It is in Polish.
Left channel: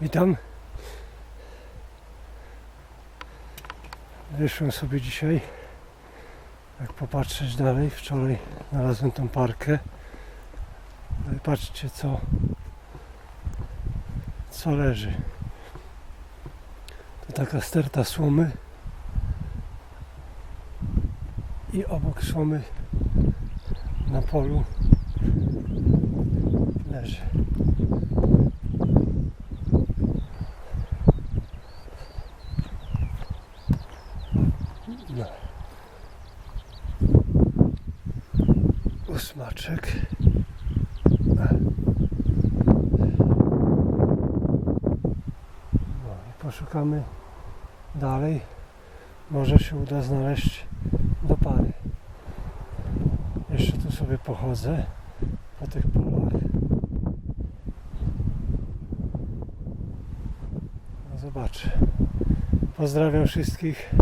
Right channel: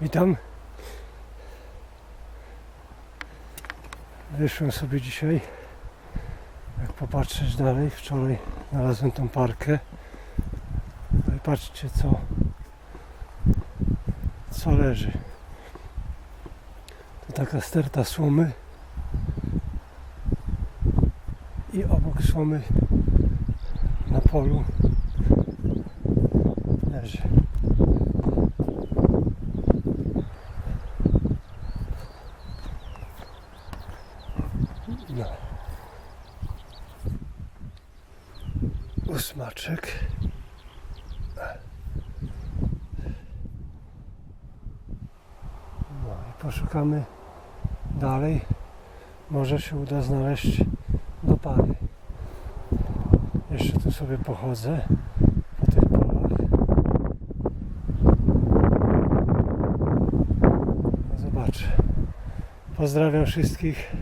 Witam. Wyszłem sobie dzisiaj, jak popatrzeć dalej. Wczoraj znalazłem tą parkę. No i patrzcie co, co leży. To taka sterta słomy. I obok słomy na polu leży. No. Ósmaczek. No i poszukamy dalej. Może się uda znaleźć do pary. Jeszcze tu sobie pochodzę po tych polach. No zobaczę. Pozdrawiam wszystkich.